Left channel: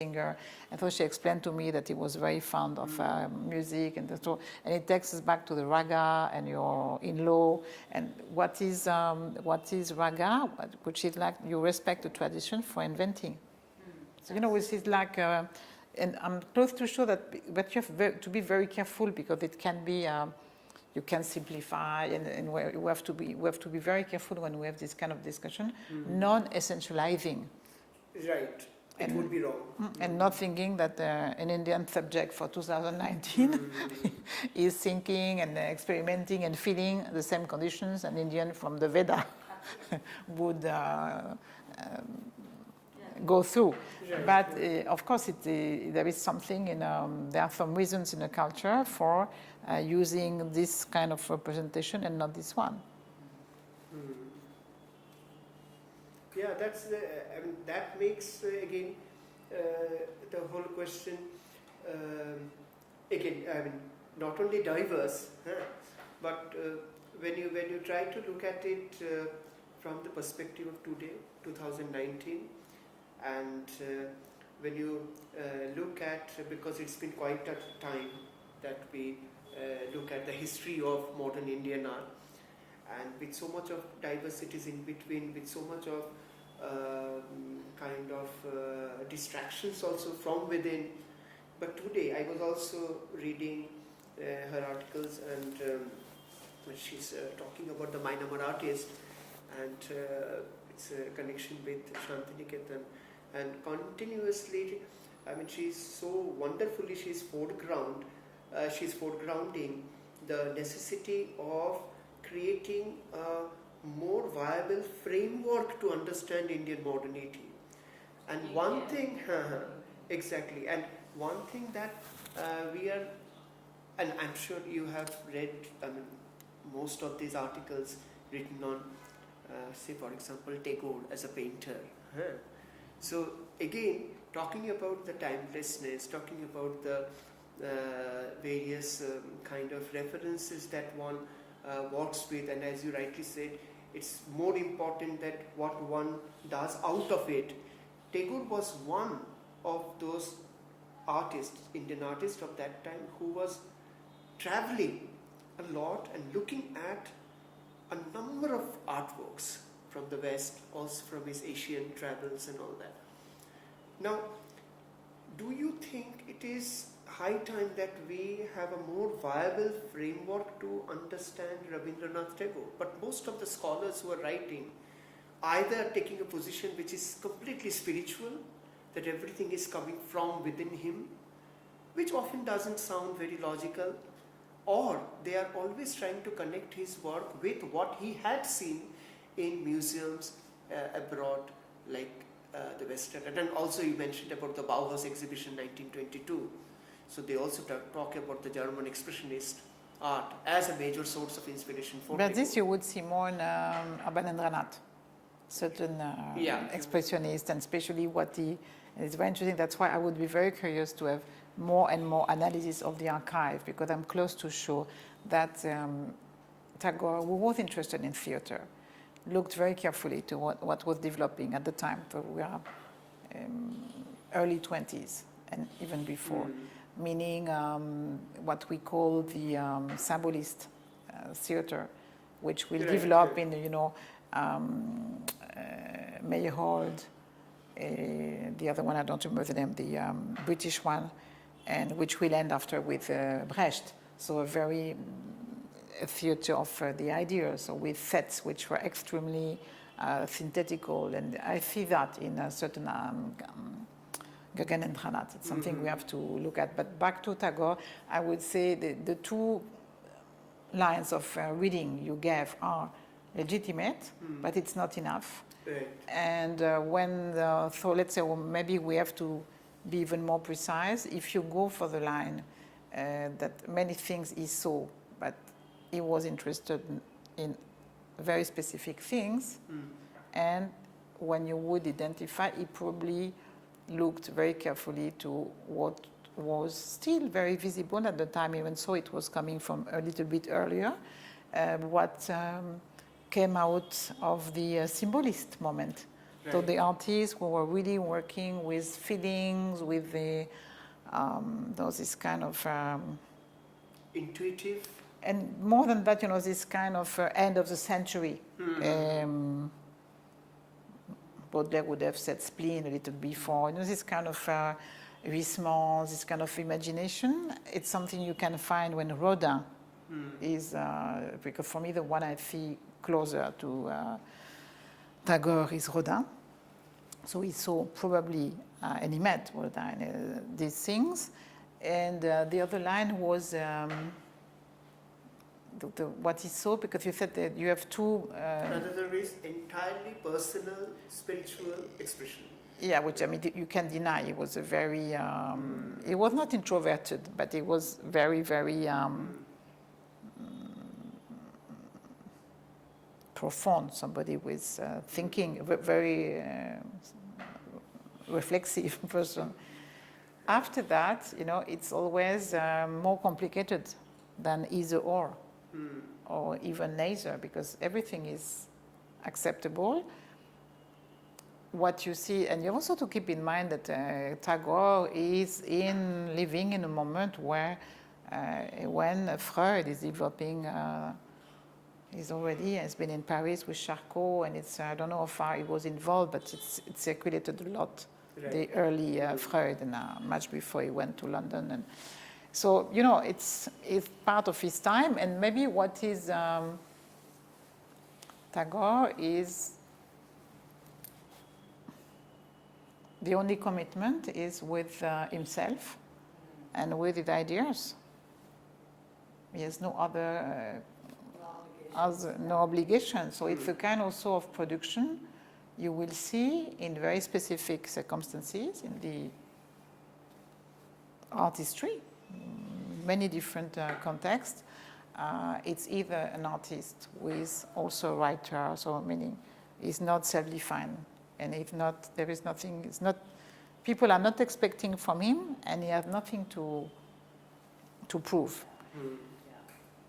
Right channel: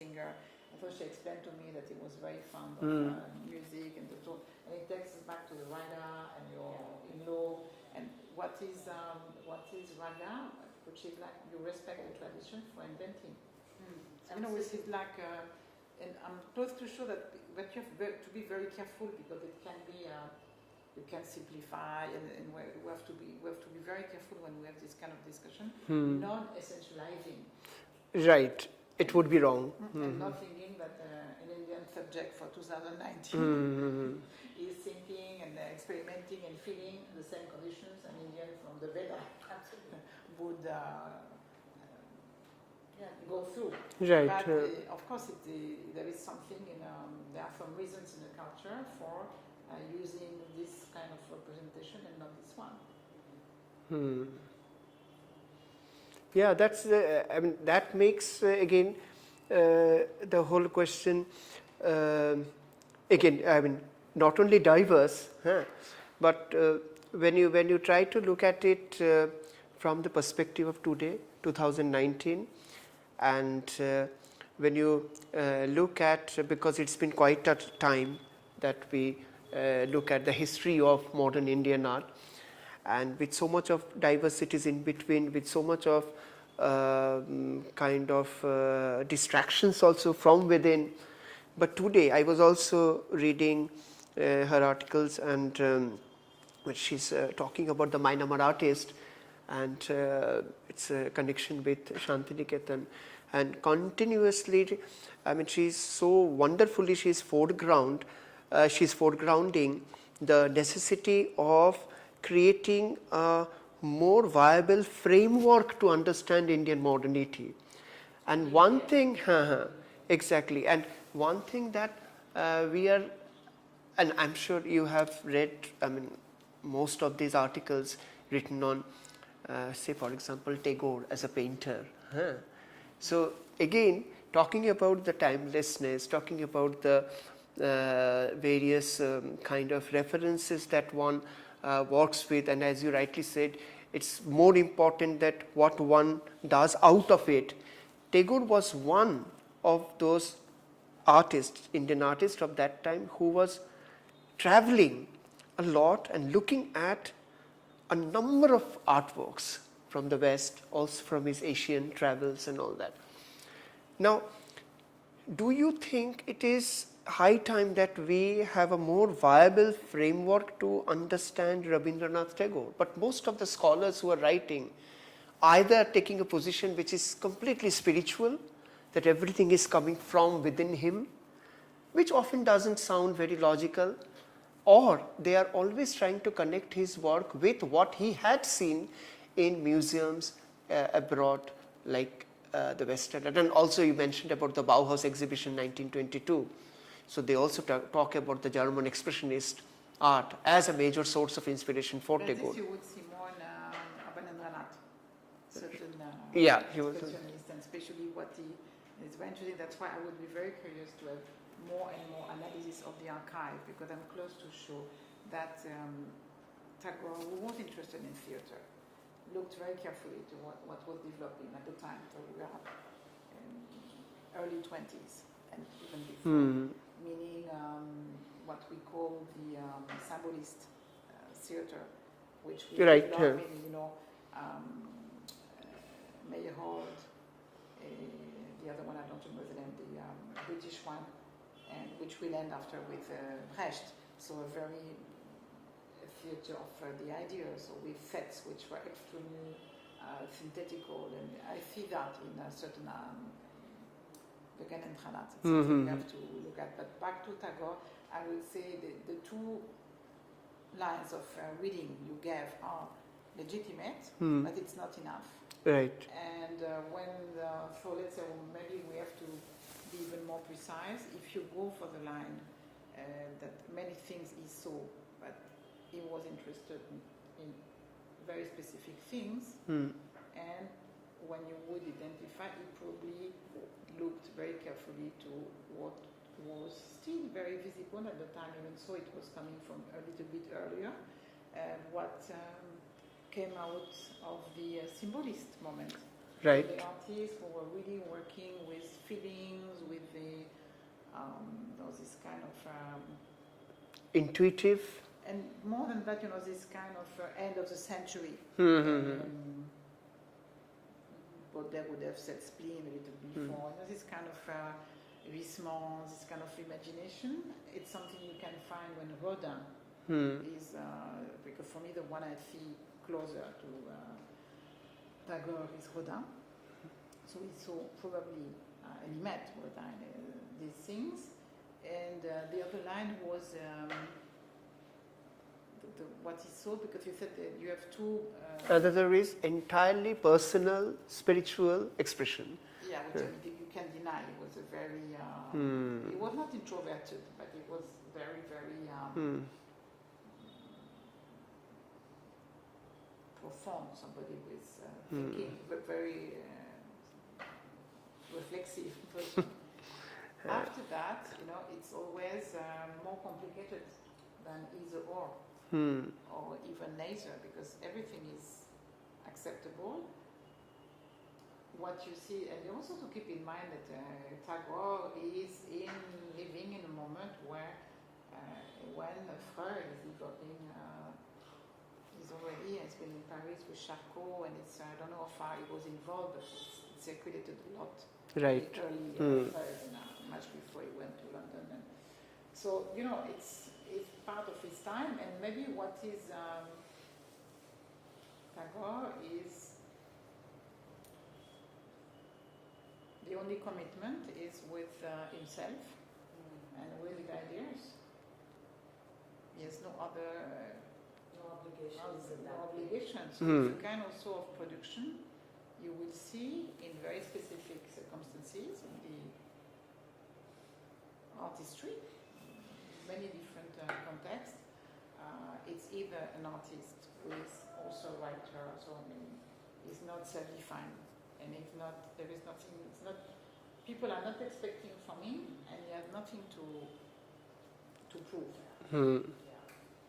singer. And so she explained to me that he was very fond of music, and it takes us back to the raga and your in-law. And what is raga? Which is like you respect the tradition for inventing. So which is like, and I'm close to show that, but you have to be very careful because it can be. You can simplify, and we have to be very careful when we have this kind of discussion, non-essentializing. Right. It would be wrong. And not thinking that an Indian subject for 2019 is thinking and experimenting and feeling the same conditions an Indian from the Veda would go through. Right, but of course, there is something there are some reasons in the culture for using this kind of representation and not this one. Yeah, that's I mean that makes again the whole question again. I mean not only diverse, but when you try to look at it from the perspective of today, 2019, and when you look at, because it's been quite a time that we look at the history of modern Indian art, and with so much of diversities in between, with so much of kind of distractions also from within. But today I was also reading her articles, and when she's talking about the Myanmar artist, and it's a connection with Shantiniketan, and continuously, I mean, she's so wonderfully, she's foregrounding the necessity of creating a more viable framework to understand Indian modernity. And one thing, exactly, and one thing that we are, and I'm sure you have read, I mean, most of these articles written on, say for example, Tagore as a painter. So again, talking about the timelessness, talking about the various kind of references that one works with, and as you rightly said, it's more important that what one does out of it. Tagore was one of those artists, Indian artists of that time, who was traveling a lot and looking at a number of artworks from the West, also from his Asian travels and all that. Now, do you think it is high time that we have a more viable framework to understand Rabindranath Tagore? But most of the scholars who are writing either taking a position which is completely spiritual, that everything is coming from within him, which often doesn't sound very logical, or they are always trying to connect his work with what he had seen in museums abroad, like the West End. And also you mentioned about the Bauhaus exhibition 1922. So they also talk about the German expressionist art as a major source of inspiration for Tagore. But this you would see more in Abanendranath, certain expressionists, and especially it's very interesting. That's why I would be very curious to have more and more analysis of the archive, because I'm close to show that Tagore, who was interested in theater, looked very carefully to what was developing at the time. So we are early 20s and even before, meaning what we call the symbolist theater, which will develop in Meyerhold, the other one I don't remember the name, the British one, and which will end after with Brecht. So a theater of the ideas, so with sets which were extremely synthetical, and I see that in a certain Gaganendranath. It's something we have to look at. But back to Tagore, I would say the two lines of reading you gave are legitimate, but it's not enough. Right. And so let's say, well, maybe we have to be even more precise. If you go for the line that many things he saw, but he was interested in very specific things, and when you would identify, he probably looked very carefully to what was still very visible at the time, even so it was coming from a little bit earlier, what came out of the symbolist moment Right. So the artists who were really working with feelings, with the, this kind of, intuitive. and more than that, this kind of end of the century. Baudelaire would have said spleen a little before. This kind of Huysmans, this kind of imagination, it's something you can find when Rodin is, because for me the one I feel closer to Tagore is Rodin. So he saw probably, and he met Rodin, these things. And the other line was what he saw, because you said that you have two... Another is entirely personal, spiritual expression. Yeah, which I mean, you can deny. He was a very... He was not introverted, but he was very, very profound, somebody with thinking, very reflexive person. After that, it's always more complicated than either or even neither, because everything is acceptable. What you see, and you also to keep in mind that Tagore is living in a moment where when Freud is developing, has been in Paris with Charcot, and it's, I don't know how far he was involved, but it circulated a lot. Right. The early Freud, and much before he went to London. And so, it's part of his time, and maybe what is Tagore is the only commitment is with himself and with his ideas. He has no other no obligation. So it's a kind also of production you will see in very specific circumstances in the artistry, many different contexts. It's either an artist who is also a writer, so meaning he's not self-defined, and if not, there is nothing. It's not. People are not expecting from him, and he has nothing to prove.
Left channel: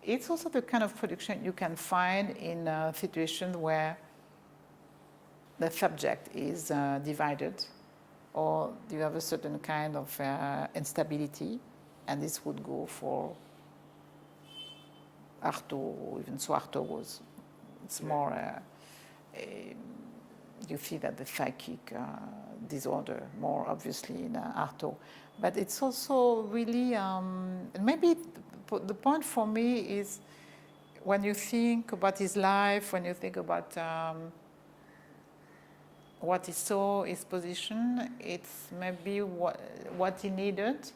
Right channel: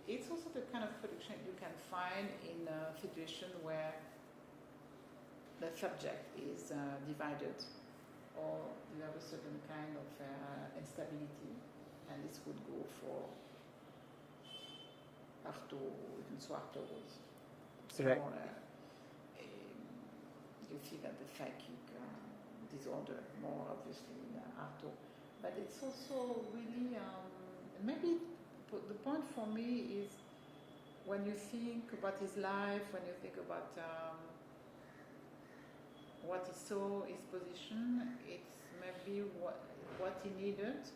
It's also the kind of production you can find in a situation where the subject is divided, or you have a certain kind of instability, and this would go for Artaud, even so Artaud was, it's right. More, you see that the psychic disorder more obviously in Artaud. But it's also really, maybe the point for me is when you think about his life, when you think about what he saw, his position, it's maybe what he needed,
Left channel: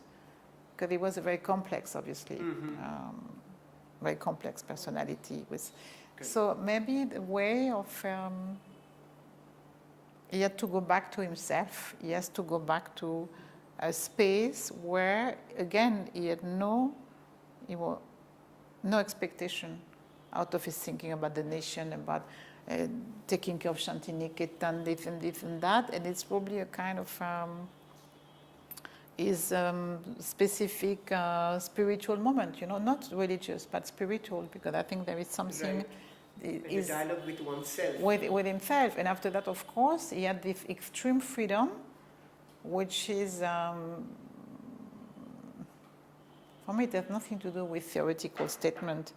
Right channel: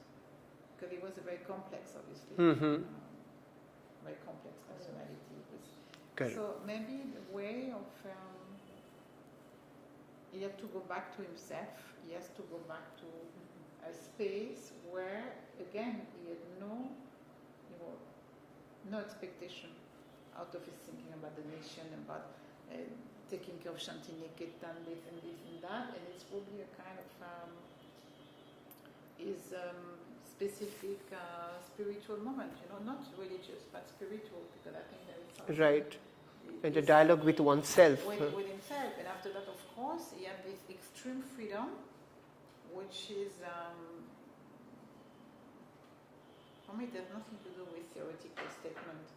because he was a very complex, obviously, very complex personality. So maybe the way of, he had to go back to himself, he has to go back to a space where, again, he had no expectation out of his thinking about the nation, about taking care of Shantiniketan, this and that, and it's probably a kind of specific spiritual moment, not religious, but spiritual, because I think there is something... Right. A dialogue with oneself. With himself, and after that, of course, he had this extreme freedom, which is... for me, it has nothing to do with theoretical statement.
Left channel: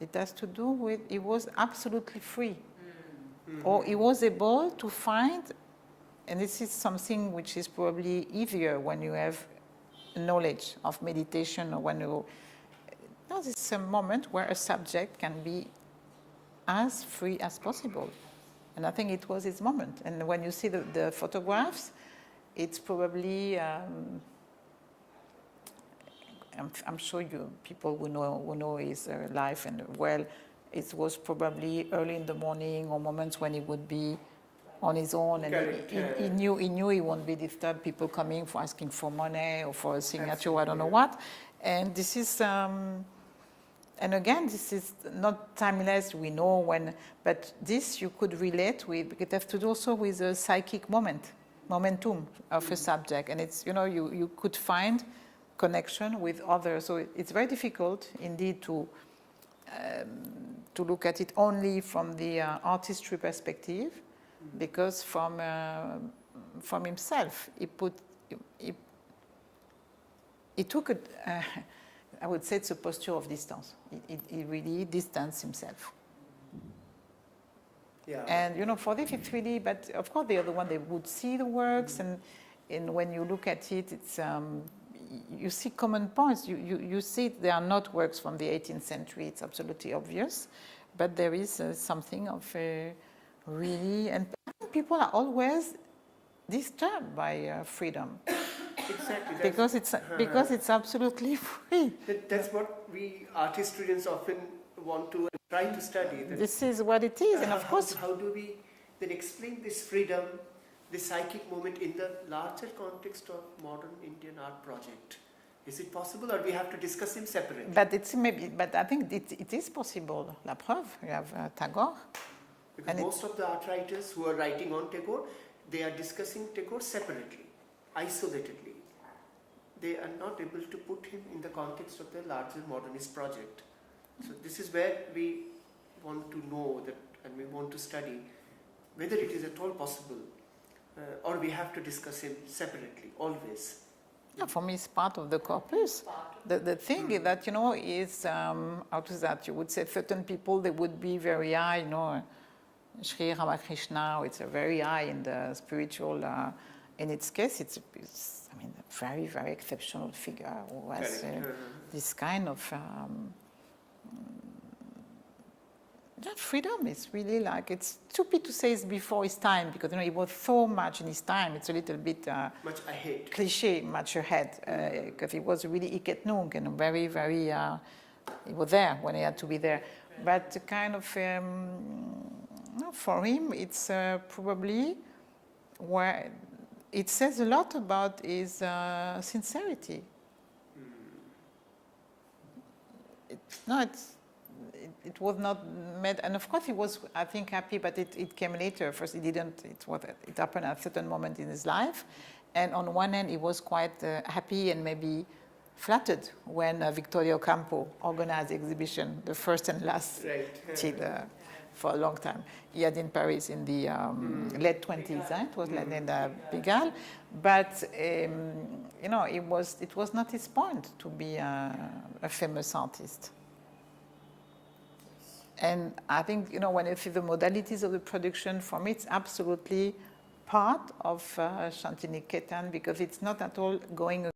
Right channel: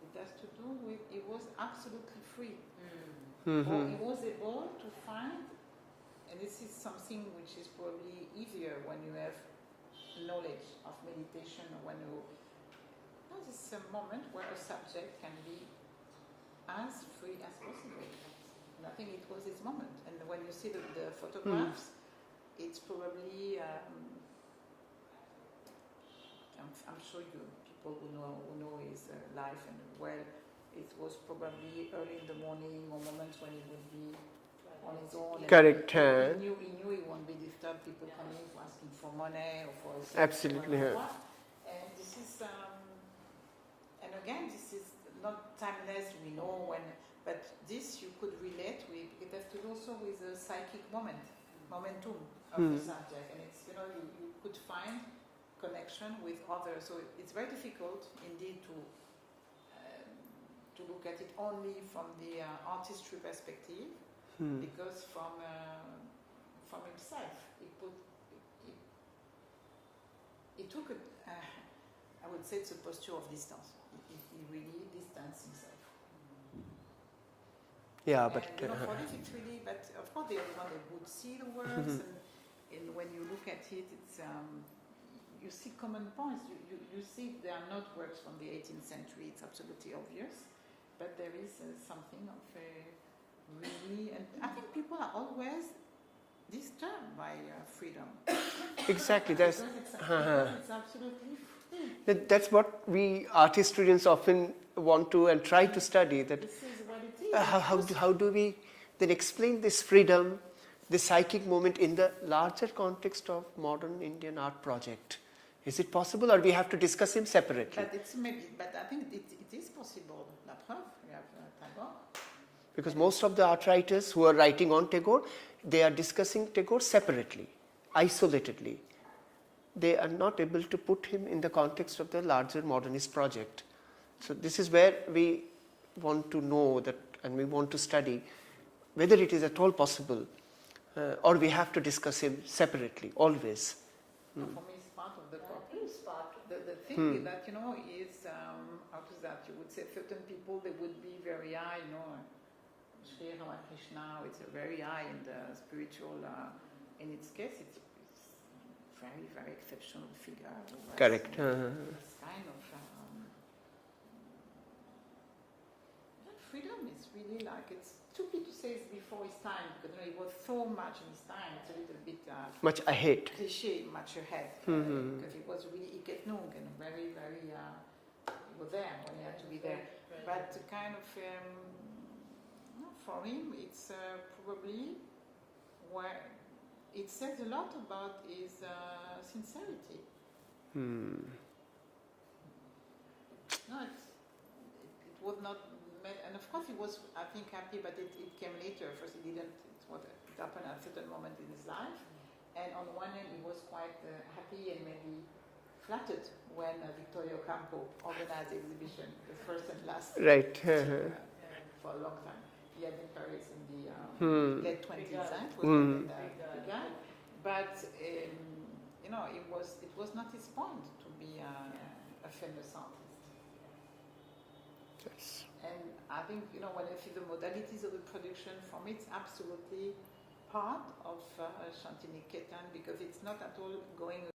It has to do with he was absolutely free. Or he was able to find, and this is something which is probably easier when you have knowledge of meditation, or when you... it's a moment where a subject can be as free as possible. And I think it was his moment. And when you see the photographs, it's probably... I'm sure people who know his life and it was probably early in the morning or moments when he would be on his own. Correct. He knew he won't be disturbed. People coming for asking for money or for a signature, I don't know what. And this is, and again, this is not timeless. We know when, but this you could relate with. It has to do also with a psychic momentum of a subject, and it's you could find connection with others. So it's very difficult indeed to look at it only from the artistry perspective. because from himself, he took a, I would say it's a posture of distance. He really distanced himself. Yeah, and you know, for this it's really, but of course they are the one, they would see the works, and when you look at it, it's you see common points. You see they are not works from the 18th century. It's absolutely obvious, but there is something of really, and I think people are always disturbed by freedom. Exactly. Because it's absolutely free. That's what we art historians often want to and try to study. That this is what it is. How do we then explain this freedom, this psychic moment in the larger context of modern Indian art project? Is it possible, or we have to discuss him separately? But I think it is possible. La preuve, you have Tagore. Because most of the art writers who are writing on Tagore, they are discussing Tagore separately, isolatedly. They are not able to put him in the context of the larger modernist project. So this is where we want to know that, and we want to study whether it is at all possible, or we have to discuss him separately, always. Yeah, for me, it's part of the corpus. The thing is that, you know, is, how is that, you would say certain people, they would be very high, you know, Sri Ramakrishna, it's a very high in the spiritual, in its case, it's I mean, a very, very exceptional figure who has this kind of, that freedom is really like, it's stupid to say it's before his time, because, you know, he was so much in his time, it's a little bit much ahead. Cliche, much ahead, because he was really iket nunc and very, very, he was there when he had to be there. But kind of, for him, it's probably where it says a lot about his sincerity. It was not made, and of course he was, I think, happy, but it came later. First, he didn't. It happened at a certain moment in his life, and on one hand, he was quite happy and maybe flattered when Victoria Ocampo organized the exhibition, the first and last, for a long time. He had in Paris in the late 20s. It was in the Pigalle, but you know, it was not his point to be a famous artist. And I think, you know, when you see the modalities of the production, for me, it's absolutely part of Shantiniketan, because it's not at all going